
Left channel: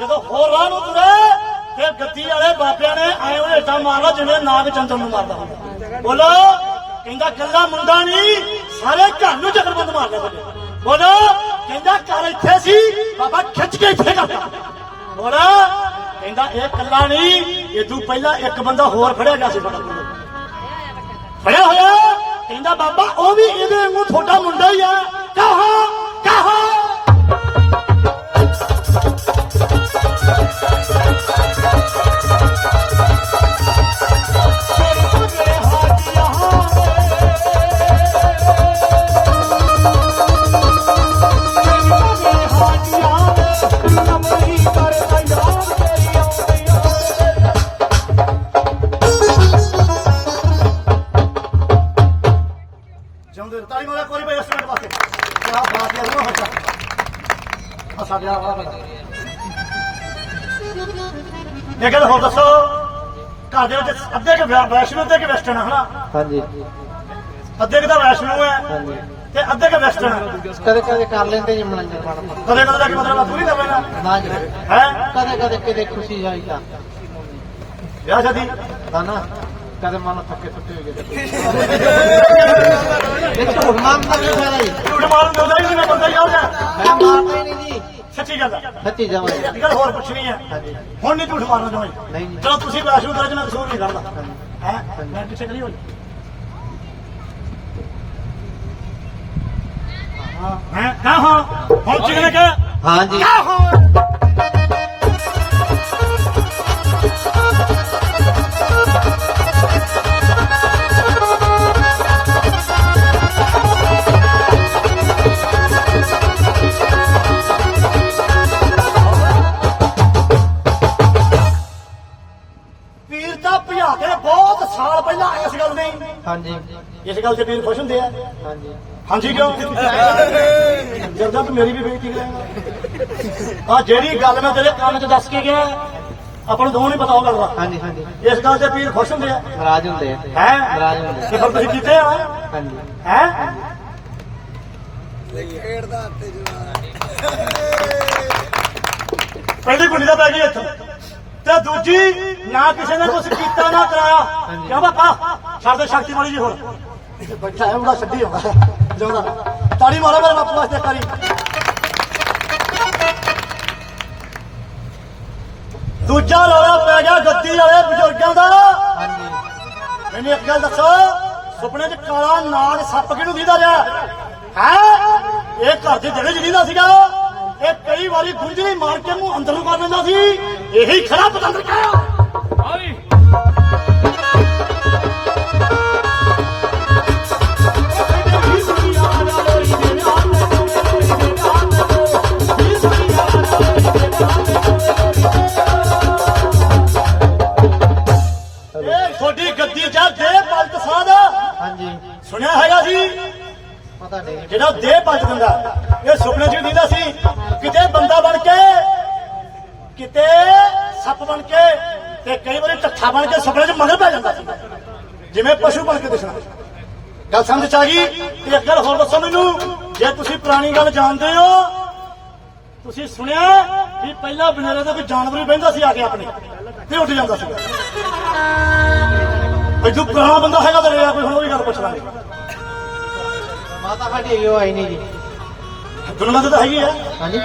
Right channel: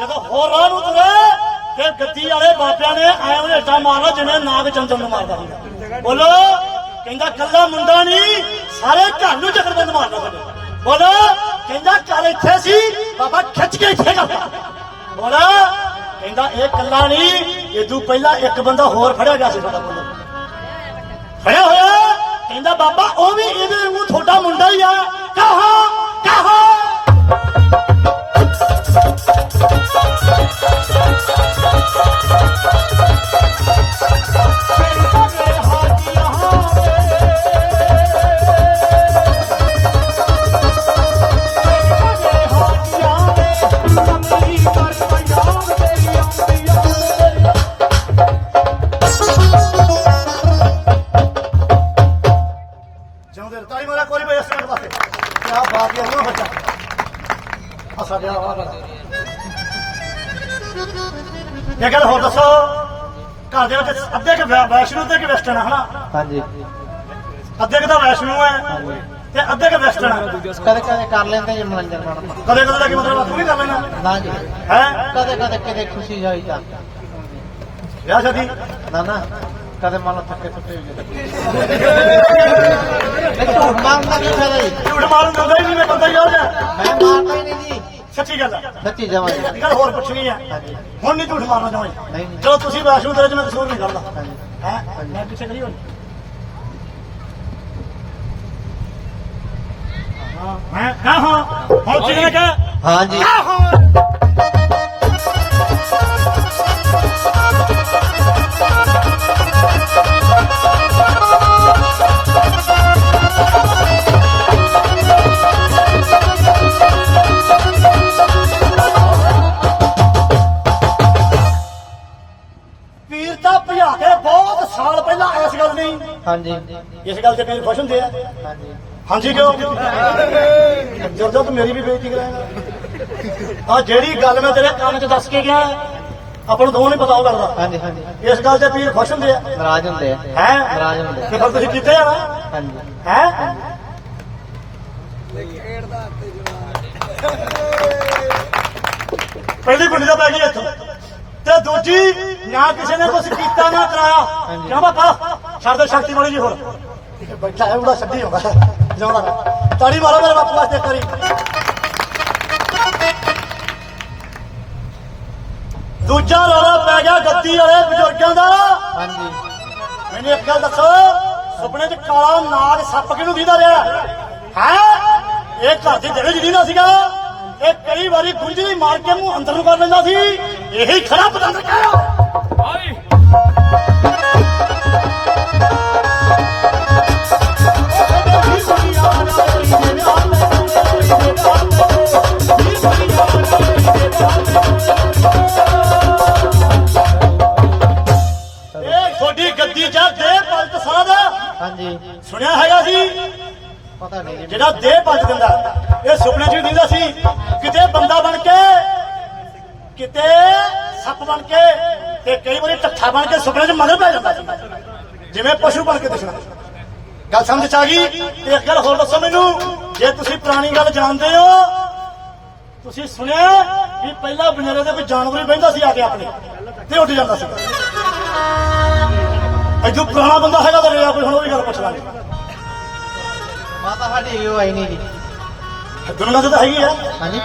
ਜਦੋਂ ਹੋਰ ਰਾਹ ਨੂੰ ਤੁਰੇ ਫਿਰ ਗੱਦੀ ਵਾਲੇ ਬਾਬਿਆਂ ਨੇ ਆਇਆ ਨੂੰ ਏਦਾਂ ਮਾਰਨਾ ਜਿਵੇਂ ਨਾਗ ਚੰਦਰ ਨੂੰ ਮਾਰਦਾ ਹੁੰਦਾ। ਬੋਲੋ, ਕਹਿੰਦਾ ਕੱਲਾ ਮੁੰਡਾ ਨਹੀਂ, ਸਾਰੇ ਘਰ ਨੂੰ ਚੱਕਰਬੰਦ ਮਾਰਦਾ ਤੁਹਾਡੇ ਬੋਲੋ, ਕਹਿੰਦਾ ਘਰ ਇੱਥੇ ਸੀ, ਬਾਬਾ ਖਿੱਚ ਕੇ ਇੱਥੇ ਕਰਦਾ ਹੋਰ ਕਹਿੰਦਾ ਇਹ ਕੱਲਾ ਨਹੀਂ ਇਦੋਂ ਪਹਿਲਾਂ ਇੱਕ ਬੰਦਾ ਹੋਰ ਫੜਿਆ ਗਿਆ ਸੀ ਸਾਡਾ ਕੋਲ। ਫੜਿਆ ਹੋਇਆ? ਕਹਿੰਦਾ ਬਾਬਾ, ਉਹ ਵੀ ਇਹਦੇ ਵਾਂਗੂ ਤੁਹਾਡਾ ਮੁੰਡਾ ਹੀ ਆ। ਕਹਾ ਕਹਾ। ਵੈਸ਼ਨੂ ਤੇ ਕਿ ਵੈਸਟਰਨ ਆ ਹਨਾ? ਹਾਂਜੀ। ਅੱਧੇ ਕਿ ਤਾਂ ਵੈਸ਼ਨੂ ਹੈ ਹਾਂਜੀ। ਤੇ ਅੱਧੇ ਕਿ ਵੈਸਟਰਨ ਹੈ ਕਦੇ ਕਦੇ ਕਰ ਲੈਂਦੇ ਜੀ ਮਨੋਰੰਜਨ ਮਾੜਾ ਕਦੇ ਕਦੇ ਲੱਗੇ ਮਤਲਬ ਆਪੂ ਨਹੀਂ ਕਰ ਲੈਣਾ ਨਾ ਜੀ। ਹੈ? ਕਦੇ ਕਦੇ ਕਿਤੇ ਖੁਸ਼ੀ ਜਾਈ ਤਾਂ। ਵਿਆਹ ਸ਼ਾਦੀ? ਨਾ ਨਾ। ਕਦੇ ਮਨ ਥੱਕੇ ਥੱਕੇ ਹੋ ਗਏ ਨਹੀਂ ਝੂਠ ਮਾਰਨਾ ਵੀ ਫਾਇਦਾ ਜੀ? ਝੂਠ ਮਾਰੂ ਬੰਦਾ ਹੀ ਨਹੀਂ ਮੈਂ ਬੰਦਾ ਹੀ ਹੋ ਜਾ ਮੈਂ ਮਾਰਦਾ ਹੀ ਨਹੀਂ ਜੀ। ਸੱਚੀ ਗੱਲ ਆ। ਸੱਚੀ ਜਮਾਂ ਜੀ। ਅੱਜ ਕੱਲ੍ਹ ਹੋਰ ਆ। ਹਾਂਜੀ। ਹੁਣ ਨਹੀਂ ਝੂਠ ਮਾਰਨਾ ਨਹੀਂ ਜੀ। ਚਲੋ ਤੁਸੀਂ ਵੈਸ਼ਨੂ ਦੇ ਵਿੱਚ ਮੈਂ ਕਸੂਰ ਨਹੀਂ ਕਰਦਾ। ਹਾਂਜੀ। ਹੈ ਮੈਂ ਪਿੱਛੇ ਕਰੀ ਹੋਣੀ ਹਾਂ ਹਾਂ ਹਾਂ ਹਾਂ ਹੁਣ ਚਿਕਨ ਕਾ ਹਾਂ ਜੀ ਹਾਂ ਸਾਲ ਪਹਿਲਾਂ ਇਸ ਗੱਲ ਦੀ ਹਾਂਜੀ। ਇਸ ਗੱਲ ਤੇ ਪੀਰ ਖੁਸ਼ ਹੁੰਦੇ ਆ। ਹਾਂਜੀ। ਹਾਂਜੀ ਕਿਉਂ? ਜਦ ਜਦ ਮੇਰੀ ਵੀ ਬੇਇੱਜ਼ਤੀ ਕਰਾਏਗਾ। ਆ ਜਿਹੜੀ ਗੱਲ ਮੈਂ ਤੇਰੇ ਕੰਮ 'ਚ ਦੱਸ ਕੇ ਗਿਆ ਆਪਾਂ ਨੂੰ ਦੋਵਾਂ ਨੂੰ ਪਤਾ ਉਹ ਗੱਲ ਦਾ। ਹਾਂਜੀ ਹਾਂਜੀ। ਇਸ ਗੱਲ ਤੇ ਪੀਰ ਖੁਸ਼ ਹੁੰਦੇ ਆ। ਨਾਰਾਜ਼ ਹੁੰਦੇ ਆ। ਹੈ? ਨਾਰਾਜ਼ ਹੁੰਦੇ ਕਿ ਫਿਰ ਤੁਸੀਂ ਕੀਤੇ ਆ? ਹਾਂਜੀ। ਹੈ? ਪਹਿਲੀ ਪਿੰਡ ਦਾ ਪੈ ਗਈ ਇੱਥੋਂ। ਤੇ ਦੂਜੀ ਨਾ ਕਿਸੇ ਨੇ ਕੁਝ ਕੀਤਾ ਨਾ ਕਰਾਇਆ। ਕਿਉਂ ਬਾਪਾ ਦੇ ਸ਼ਕਤੀ ਮਾੜੀ ਜੀ ਹੋਰ। ਬੱਚਾ ਹੈ ਉਹਦਾ ਛੱਡੀ ਹੁੰਦਾ ਜਾਉਣਾ ਤਾੜੀ ਮਾਰੋ ਮੇਰੇ ਬਾਪੂ ਵਾਸਤੇ ਇੱਕ ਵਾਰੀ ਦੂਜਾ ਰੌਲਾ ਪੈ ਗਿਆ ਗੱਦੀ ਵਾਲੇ ਬਜ਼ੁਰਗਾਂ ਦਾ। ਹਾਂਜੀ। ਮੈਨੂੰ ਇੱਕ ਗੱਲ ਦੱਸੋ ਸੁਪਨੇ 'ਚ ਕਾਲਾ ਨਾਗ ਸੱਪ ਕਿਹਨੂੰ ਦੀਦਾ ਰਿਹਾ? ਹੈ? ਇਹ ਘਰ ਦੇ ਜਿਹੜੇ ਜਿਹਦਾ ਸੀਗਾ। ਇਹ ਕਈ ਵਾਰੀ ਗੁੰਝਲੀ ਮਾਰ ਕੇ ਮੂੰਹ ਅੰਦਰ ਨੂੰ ਕਰ ਲੈਂਦਾ ਸੀ। ਇਹੀ ਖੜਾ ਪਤੰਦਰ ਕਹਿਆ ਦੇ ਸੁਣਿਆ ਹੈਗਾ ਸੀ? ਪਤਾ ਨਹੀਂ। ਜਿਹੜਾ ਦੇਹ ਪਲਟ ਦਿੰਦਾ ਇਹ ਸੁਪਨੇ 'ਚ ਵੀ ਦਿੰਦਾ ਕਿਤੇ ਸੱਪ ਬਣ ਕੇ ਤੇ ਕਈ ਵਾਰੀ ਟੱਠਾ ਬਣ ਕੇ ਸੁਪਨੇ 'ਚ ਮਗਰ ਪੈ ਜਾਂਦਾ ਸੀ। ਜਿਵੇਂ ਪਸ਼ੂ ਬਣ ਕੇ ਦਿਸਣਾ। ਗੱਲ ਸਮਝ 'ਚ ਆ ਗਈ? ਤੇ ਇੱਕ ਗੱਲ ਹੋਰ ਦੱਸੋ ਮੈਨੂੰ। ਜੇ ਤੁਸੀਂ ਪੁਰਾਣੀ ਗੱਲ ਜਾਣਦੇ ਹੋ ਤੁਸੀਂ ਸੁਣਿਆ ਵੀ ਪਹਿਲਾਂ ਬਨੇਰੇ ਤੇ ਕੋਈ ਜਾਨਵਰ ਹੀ ਬਹਿੰਦਾ ਸੀ ਆ ਕੇ ਆਪਣੇ ਤੇ ਉੱਡ ਜਾਂਦਾ ਸੀ। ਅਜੂ ਪੁਰਾਣਾ ਬੰਦਾ ਹੈਗਾ ਤਾਂ ਰਿਹਾ ਕੋਈ ਹੁਣ ਉਹ ਵੀ ਗੱਲ ਪੁੱਛ ਲਾਂਗੇ। ਮਾਤਾ ਸਾਡੀ ਹੈਗੀ ਉਹ ਆਈ ਨਹੀਂ ਜੀ। ਦੁਨੀਆ ਤਾਂ ਹੈਗੀ ਆ। ਹਾਂਜੀ।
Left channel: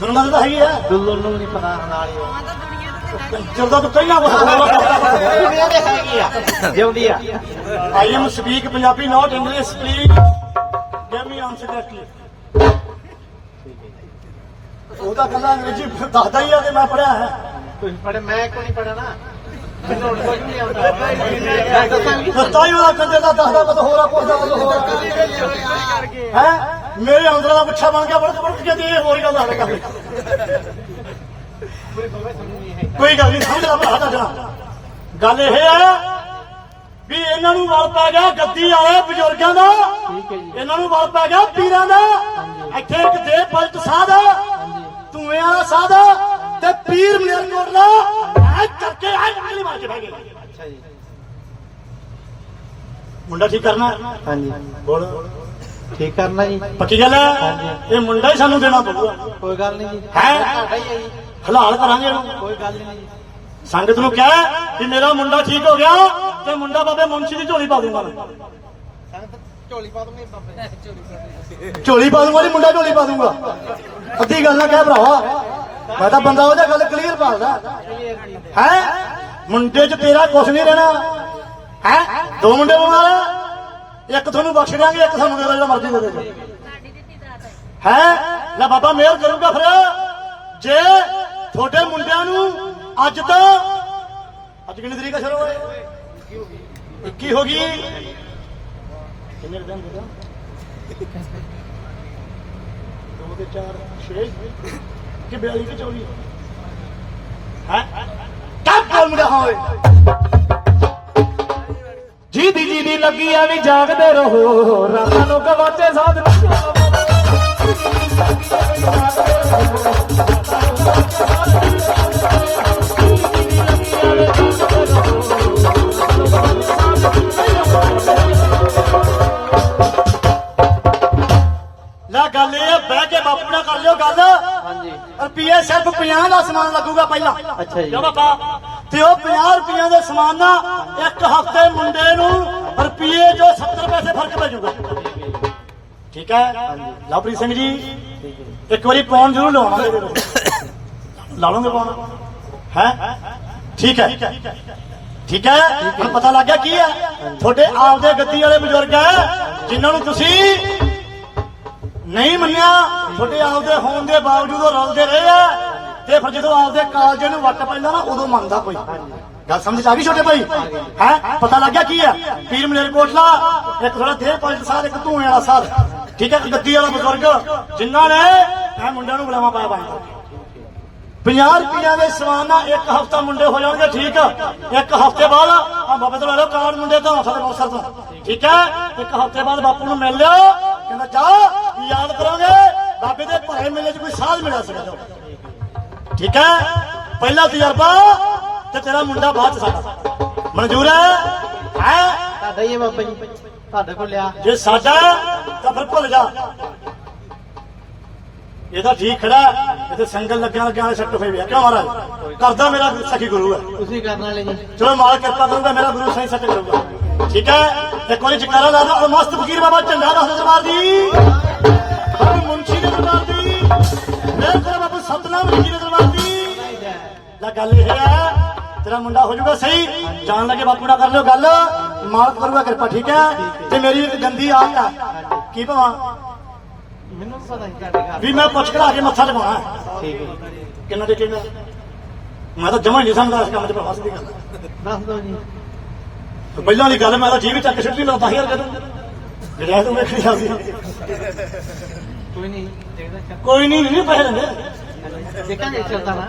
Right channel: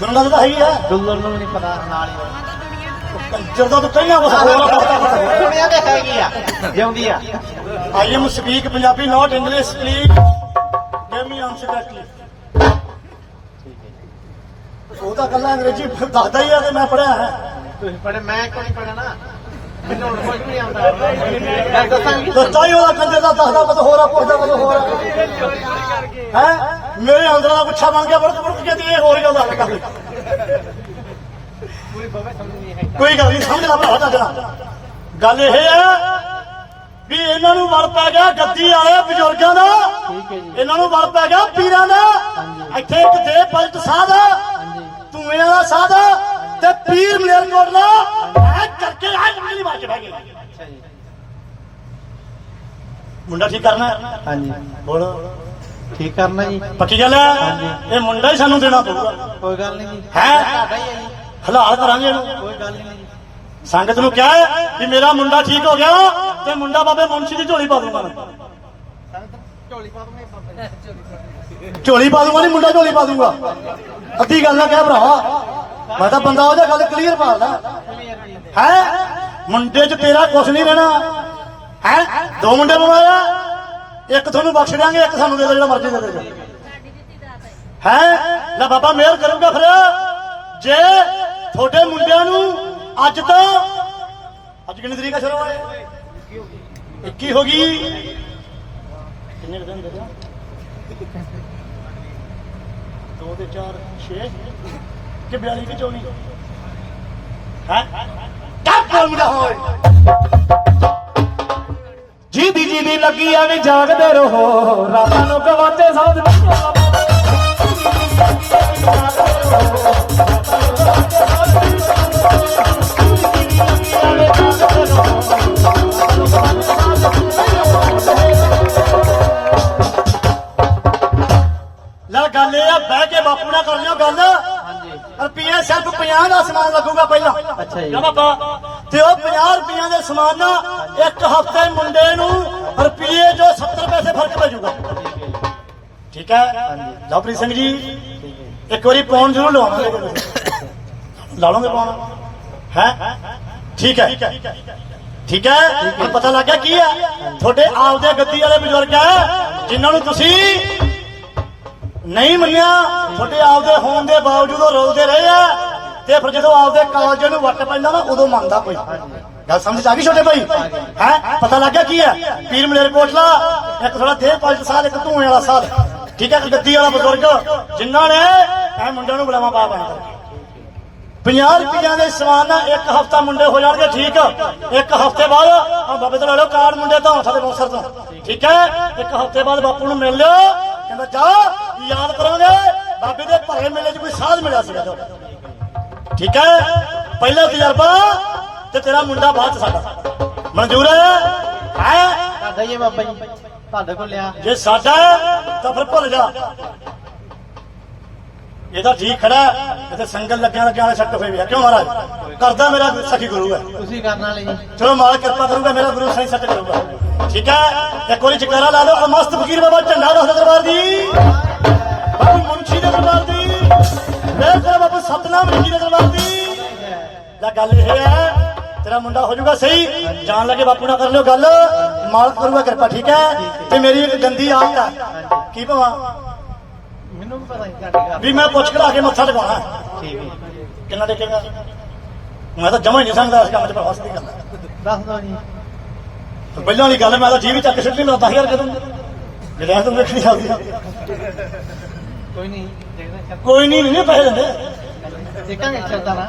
'ਚ ਤਾਂ ਹੈਗੀ ਆ। ਦੁੱਲਨ ਨੂੰ ਨਹੀਂ ਪਤਾ ਨਾਲ ਹੀ ਉਹ। ਜਦੋਂ ਤੋਂ ਪਹਿਲਾਂ ਬਸ ਦੁਨੀਆ ਤੇ ਹੈਗੀ ਆ। ਜਿਉਂਦੀ ਆ। I am speak Punjabi not English please give me answer correctly ਉਹ ਤਾਂ ਗੱਲਾਂ ਅੰਗਰੇਜ਼ੀ ਦੱਸਦਾ ਹੀ ਆ ਤੇ ਮੈਂ ਪੜਿਆ ਹੈ। ਤੁਸੀਂ ਪੜੇ ਮੈਂ ਕੋਈ ਨਹੀਂ ਪੜਿਆ ਨਾ? ਮੈਨੂੰ ਹੁਣ ਕੁਝ ਨਹੀਂ ਆਉਂਦਾ। ਦੱਸਦਾ ਹੀ ਵਾਲਾ ਕੰਦੇ ਦਾ ਦੱਸਦਾ ਪਤਾ ਹੋਰ ਆ ਪੁੱਛਦਾ ਪਤਾ ਹੋਰ ਆ। ਹੈ? ਮੇਰੇ ਅੰਦਰ ਦਾ ਪੁੱਛਾ ਬਣ ਗਿਆ ਬੜ ਬੜ ਕਹਿੰਦੀ ਇਹ ਹੋਰ ਗੱਲ ਹੱਲ ਕਰ ਲਈ ਕੋਈ ਗੱਲ ਨਹੀਂ ਸਮਝ ਲਾ ਭਰਾ ਤੱਕਣਾ ਗੱਲ ਇਹ ਹੈ ਵੀ ਇਹਨਾਂ ਨੂੰ ਵਲ ਪੈ ਗਿਆ ਗੱਦੀ ਆਏ ਬਜ਼ੁਰਗਾਂ ਦਾ ਇਹਨਾਂ ਨੂੰ ਵਲ ਪੈ ਗਿਆ ਪੀਰਾਂ ਦਾ। ਇੱਥੇ ਇੱਕ ਦੇ ਪਲਟ ਸਾਧ ਧੂਏ ਵਾਲਾ ਸਾਧ ਤੇ ਪੀਰ ਮੇਰ ਕੋਟਲਾ ਐ ਚੱਕੇ ਐ ਮੁੰਡੇ ਮਾਰ ਕੇ ਬਹਿ ਗਏ। ਅੱਛਾ ਜੀ। ਮੁੰਡਾ ਠੀਕ ਕਰਨਾ? ਹਾਂਜੀ। ਬੋਲ। ਠੀਕ ਕਰਨਾ ਜੀ। ਪੱਕੀ ਗੱਲ ਹੈ। ਇਹ ਮੁੰਡਾ ਹੀ ਸਾਨੂੰ ਦੇਣਾ ਪਊਗਾ। ਕੋਈ ਗੱਲ ਨਹੀਂ ਜੀ। ਹੈਂ? ਤੁਹਾਡਾ ਹੀ ਹੈ ਜੀ। ਹਲਾਲ ਕਰਾਂਗੇ ਇਹਨੂੰ। ਕੋਈ ਗੱਲ ਨਹੀਂ ਜੀ। ਸੰਗਤ ਨੂੰ ਕਿਹਾ ਕਿ ਮੇਰਾ ਮੁੰਡਾ ਠੀਕ ਹੋ ਗਿਆ ਤੇ ਮੁੰਡਾ ਬਾਬੇ ਮੁੰਸ਼ੀ ਦੀ ਝੋਲੀ ਪਾ ਦੂੰਗਾ ਝੋਲੀ ਪਾ ਦੂੰਗੇ ਝੋਲੀ ਪਾ ਦੂੰਗਾ ਨਹੀਂ ਮੁੰਡਾ ਝੋਲੀ ਪਾ ਦੂੰਗਾ। ਅੱਧੀ ਗੱਲ ਨਾ ਕਿਹਾ ਭਰਾਵਾ। ਮੈਂ ਤਾਂ ਬੰਦਾ ਉਹਦਾ ਗੱਲ ਕਲੀਅਰ ਪਾਉਂਦਾ ਹੈ? ਮੁੰਡੇ 'ਚ ਤੇਰਾ ਕੁਛ ਨਹੀਂ ਰਹਿਣਾ। ਹੈ? ਦੋ ਮੁੰਡੇ ਬਣਾ ਇੱਕ ਤੁਹਾਨੂੰ ਬਖਸ਼ ਦਿਆਂਗੇ, ਇੱਕ ਸਾਨੂੰ ਦੇ ਦਿਓ, ਜਿਹੜਾ ਮਰਜ਼ੀ ਦੇ ਦਿਓ। ਹੈ? ਲੈ ਬਾਬਾ, ਮਿਹਰ ਕਰੂਗਾ ਫਿਰ। ਜੇ ਤੁਹਾਡੇ ਮੁੰਡਿਆਂ ਨੂੰ ਅੱਜ ਤੋਂ ਅੱਜ ਕਿੰਨੀ ਤਰੀਕ ਹੈ ਸ਼ੁਰੂ ਹੋਏ 21 ਹੋ ਗਈ। ਕਿੰਨੇ ਦਿਨ ਦੇ ਦੋ? ਦੋ 4 6 ਕਿ 42 ਕਿ 24 ਹੈ? ਕੱਪ ਮੁੰਡਾ ਹੋਏ। ਜੀ ਦੀ ਜੀ ਦੀ ਲੱਗੀ ਆ ਵੀ ਜਾਗਦੇ ਰਹੋ। ਰਾਤਾਂ ਨੂੰ ਗਵਾਤੇ ਸਾਧ ਲੈ ਗੱਲ ਇਹ ਆ ਬਹਿ ਕੇ ਬਾਪੂ ਨਾਲ ਕਰ ਲਿਓ ਗੱਲ। ਹਾਂਜੀ। ਰੁਪਏ ਸਿਰਫ 50 ਦਾ ਸਮਾਨ ਲੱਗੂਗਾ ਪਹਿਲਾਂ। ਅੱਛਾ ਜੀ। ਕਿਉਂ ਬਾਬਾ। ਤੇ ਉਹ 50 ਰੁਪਈਆਂ ਦੇ ਸਮਾਨ ਨਾਲ ਇੱਕ ਹਫ਼ਤੇ ਮੁੰਡੇ ਨੂੰ ਰੁਪਏ ਜੋ 70 ਪੈਸੇ ਫ਼ਰਕ ਪੈ ਜਾਊਗਾ। ਠੀਕ ਹੈ? ਲਵਪ੍ਰੀਤ ਸਿੰਘ ਜੀ ਇੱਕ ਵਾਰੀ ਪੌਣ ਜ਼ਰੂਰ ਲਵਾਵਾਂਗੇ ਲਾ ਲਓਗੇ ਪੌਣ ਹੈ। ਠੀਕ ਹੈ? ਠੀਕ ਹੈ। ਹੁਣ ਪਤਾ ਲੱਗ ਗਿਆ ਕੀ ਹੈ? ਤੁਹਾਡੇ ਆਪਦੇ ਗੱਦੀ ਵਾਲੇ ਬਜ਼ੁਰਗ ਹੈ ਜਿਨ੍ਹਾਂ ਨੂੰ ਤੁਸੀਂ ਨਹੀਂ ਮੰਨਿਆ ਤੁਹਾਡੇ ਆਪਦੇ ਹੋਣ ਦੇ ਬਾਵਜੂਦ ਉਹ ਰੋਲਦੇ ਰਹੇ ਆ ਤੇ ਫਿਰ ਜਦੋਂ ਆਪਦੇ ਕਾਲਜ ਨੂੰ ਵੱਟ ਪੈਂਦਾ ਨਾ ਉਦੋਂ ਮੰਨਦਾ ਕੋਈ। ਗੱਲ ਸਮਝ ਆ ਗਈ ਛੋਟੇ ਭਾਈ? ਹੈ? ਪਤਾ ਲੱਗ ਗਿਆ ਕੀ ਹੈ? ਪੀਰ ਮਲੇਰ ਇੱਕ ਥੋੜਾ ਦੇਰ ਪੰਜ ਸਾਲ ਇੱਕ ਧੂਏ ਵਾਲਾ ਸਾਲ ਠੀਕ ਹੈ ਗੱਦੀ ਵਾਲਾ ਬਜ਼ੁਰਗ, ਜਿਨ੍ਹਾਂ ਨੇ ਇਹ ਮੁੰਡਿਆਂ ਨੂੰ ਬੁਲਾਵਾ ਪਾ ਪਾਇਆ 50 ਰੁਪਈਆ ਦੇ ਸਮਾਨ ਇੱਕ ਹਫਤਾ ਮੁੰਡੇ ਹੋ ਜਾਣਗੇ, ਠੀਕ। ਇੱਕ ਹਫ਼ਤੇ ਬਾਅਦ ਆ ਬਾਬੇ ਤੋਂ ਲੈ ਲਓ ਕਾਰਡ ਮੁੰਡੇ ਤੋਂ ਸਾਡੇ ਬਹੁਤ ਸਰ ਤੋਂ। ਠੀਕ ਹੈ, ਇੱਕ ਹਫ਼ਤੇ ਬਾਅਦ ਬਾਪੂ ਨੂੰ ਮਿਲ ਲਿਓ। ਕਹਿੰਦਾ, ਜਾ, ਯਾਦ ਕਰਾਂਗੇ, ਬਾਬੇ ਦੇ ਭਰੇ ਮੇਲੇ 'ਚ ਕੋਈ ਸਾਧ ਮਿਲਿਆ ਸੀਗਾ ਠੀਕ ਹੈ, ਪਹਿਲਾ ਤਜਰਬਾ ਤੇ ਤੇਰਾ ਮੁੰਡਾ ਬਾਅਦ 'ਚ ਸਾਡਾ। ਮਨਜ਼ੂਰ ਹੈ? ਹੈ? ਹੈ ਬਾਬਾ ਜੀ। ਤੁਹਾਡੇ ਕੋਲ ਲਿਆ। ਜੇ ਸਾਡਾ ਹੈ, ਤਾਂ ਫਿਰ ਭੁੱਲ ਜਾ। ਇਹ ਤਾਂ ਠੀਕ ਖੜਾ ਇੱਥੇ ਸੰਗਲ ਲੱਗਿਆ ਲੱਗਿਆ ਵਾਲੇ ਸੱਟ ਹੋਏ ਵੀ ਆ। ਕਿਉਂ ਮਹਾਰਾਜ? ਕਰਦਾ ਮੇਰਾ ਸਖੀ ਗੁਰੂ ਹੈ। ਤੁਸੀਂ ਕਰਨ ਵਾਲੇ ਜੀ। ਚਲੋ ਮਾਲ ਕਿਰਪਾ ਕਰੂਗਾ ਮੇਰਾ ਗੁਰੂ ਸਾਈਂ ਸੱਟ ਕਰੂਗਾ। ਠੀਕ ਹੈ? ਇੱਕ ਵਾਰੀ ਜਕਾਰਾ ਲਾ ਲਓ ਮਸਤ ਫਕੀਰ ਬਾਬਾ ਝੰਡਾ ਦਾ ਦਰਬਾਰ ਦੀ। ਬਾਬਾ ਮੁੰਸ਼ੀ ਦੇ ਦਰਬਾਰ ਦੀ। ਮੇਰੇ ਕੋਲ ਬਾਬਾ ਸਤਨਾਮ ਜੀ ਦੇ ਦਰਬਾਰ ਦੀ। ਜਾਂ ਗੱਲ ਇਹ ਹੈ ਤੇਰਾ ਮੁੰਡਾ ਹੋ ਜਾਊਗਾ ਸਹੀ। ਜਾਣ ਲੱਗੇ ਬਾਪੂ ਨਾਲ ਕਰ ਲਿਓ ਗੱਲ। ਮਾਲਕ ਕਰੂਗਾ ਕਿਰਪਾ ਠੀਕ ਹੈ? ਤੇ ਮੇਰੀ ਇੱਕ ਗੰਦੀ ਆਦਤ ਹੈ। ਕੀ ਭਵਾ? ਮੈਨੂੰ ਵੀ ਪਤਾ ਨਹੀਂ ਤੁਹਾਡੇ ਵੀ ਮੈਂ ਪੁੱਛ ਕਰਾ ਕੇ ਮੱਥਾ ਠੀਕ ਹੈ। ਕਿੰਨਾ ਟੇਕੇਗਾ? ਮੈਂ ਤਾਂ ਜਮਾ ਨਹੀਂ ਸਮਝਦਾ ਇਸ ਕੰਮ 'ਚ ਭਰਾ ਸਿੱਧੀ ਗੱਲ। ਦੱਸ ਜੀ। ਪਹਿਲਾਂ ਵਾਲੀ ਗੱਲ ਮੈਂ ਤਾਂ ਟੀਵੀ ਚੱਕ ਸਿੱਟ ਨਹੀਂ ਲਾਉਂਦਾ ਯਾਰ ਕਦੋਂ ਜਿਹੜਾ ਤਾਂ ਚੱਲਦੀ ਆ ਕੋਈ ਨਹੀਂ ਕੋਈ ਨਹੀਂ ਨਹੀਂ ਪੈਸੇ ਦਿੰਦੇ। ਦੇਖਾਂਗੇ ਚੱਲਦਾ ਨਾ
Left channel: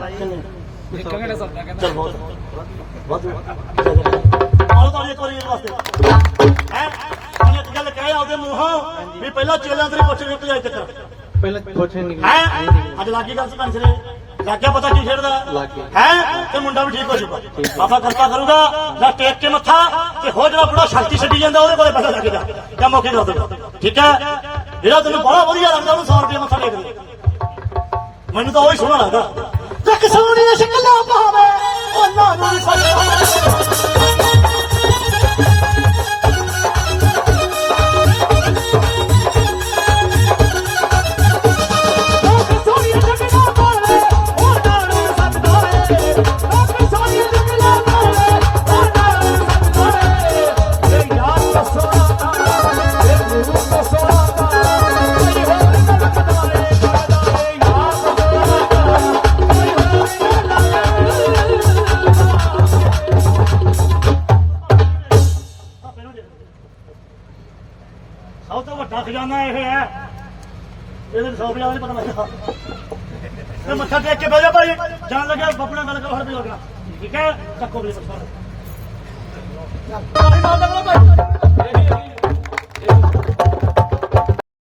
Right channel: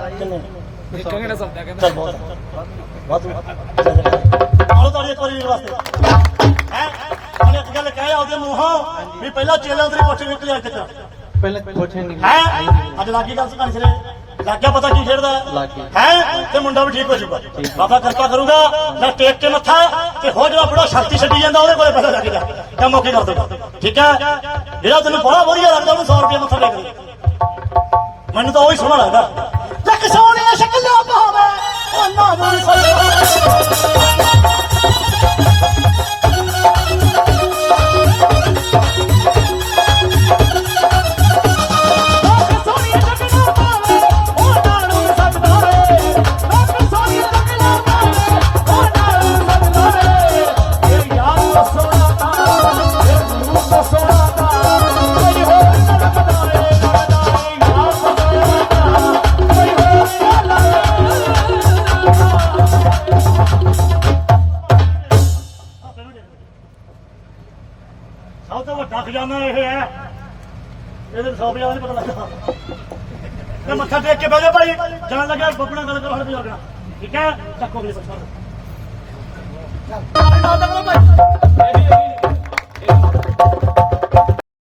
ਦੇਖਾਂਗੇ ਨਾ ਸੌਦਾ ਕਹਿੰਦਾ। ਚੱਲ ਬਹੁਤ ਬਹੁਤ ਉਹ ਤੁਹਾਡੇ ਇੱਕ ਵਾਰੀ ਵਾਸਤੇ। ਹੈ? ਉਹਨੇ ਇੱਕ ਗੱਲ ਕਹੇ ਉਹਦੇ ਮੂੰਹੋਂ ਵੀ ਪਹਿਲਾਂ ਚੇਲਾ ਤੇਰੇ ਪੁੱਛ ਨਿਕਲਿਆ ਇੱਥੇ ਤੱਕ। ਪਹਿਲਾਂ ਪੁੱਛ ਨਹੀਂ ਹੈ? ਅੱਜ ਲੱਗੀ ਗੱਲ ਸੁਣਾਣੀ ਸਰੇ। ਲੱਗ ਗਿਆ ਪਤਾ ਕੀ ਖੇਡਦਾ? ਲੱਗ ਗਿਆ। ਹੈ? ਤੇ ਮੁੰਡਾ ਵੀ ਠੀਕ ਹੋ ਜੂਗਾ ਬਾਬਾ ਕਿਰਪਾ ਕਰੂਗਾ ਮੈਂ ਟੇਕ ਕੇ ਮੱਥਾ ਤੇ ਹੋ ਜਿਹੜਾ ਬੜਾ ਸ਼ਕਤੀ ਛੱਡੀ ਜਾਂਦਾ ਉਹਦੇ ਕੋਲੇ ਪਤਾ ਲੱਗ ਜਾ। ਕੰਮ ਔਖੀ ਨਾ ਹੋਵੇ ਠੀਕ ਹੈ? ਜਿਹੜਾ ਤੈਨੂੰ ਬੜਾ ਵਧੀਆ ਲੱਗਦਾ ਉਹਨੂੰ 100 ਰੁਪਏ ਮੱਥਾ ਦੇ। ਮੈਨੂੰ ਤਾਂ ਉਹ ਹੀ ਸੋਹਣਾ ਲੱਗਦਾ। ਸੋਹਣੀਆਂ ਸ਼ਕਲਾਂ ਭਾਵੇਂ ਉਹਨਾਂ ਨੂੰ। ਸਲਮਾਨ ਠੀਕ ਹੈ ਚੱਕੋ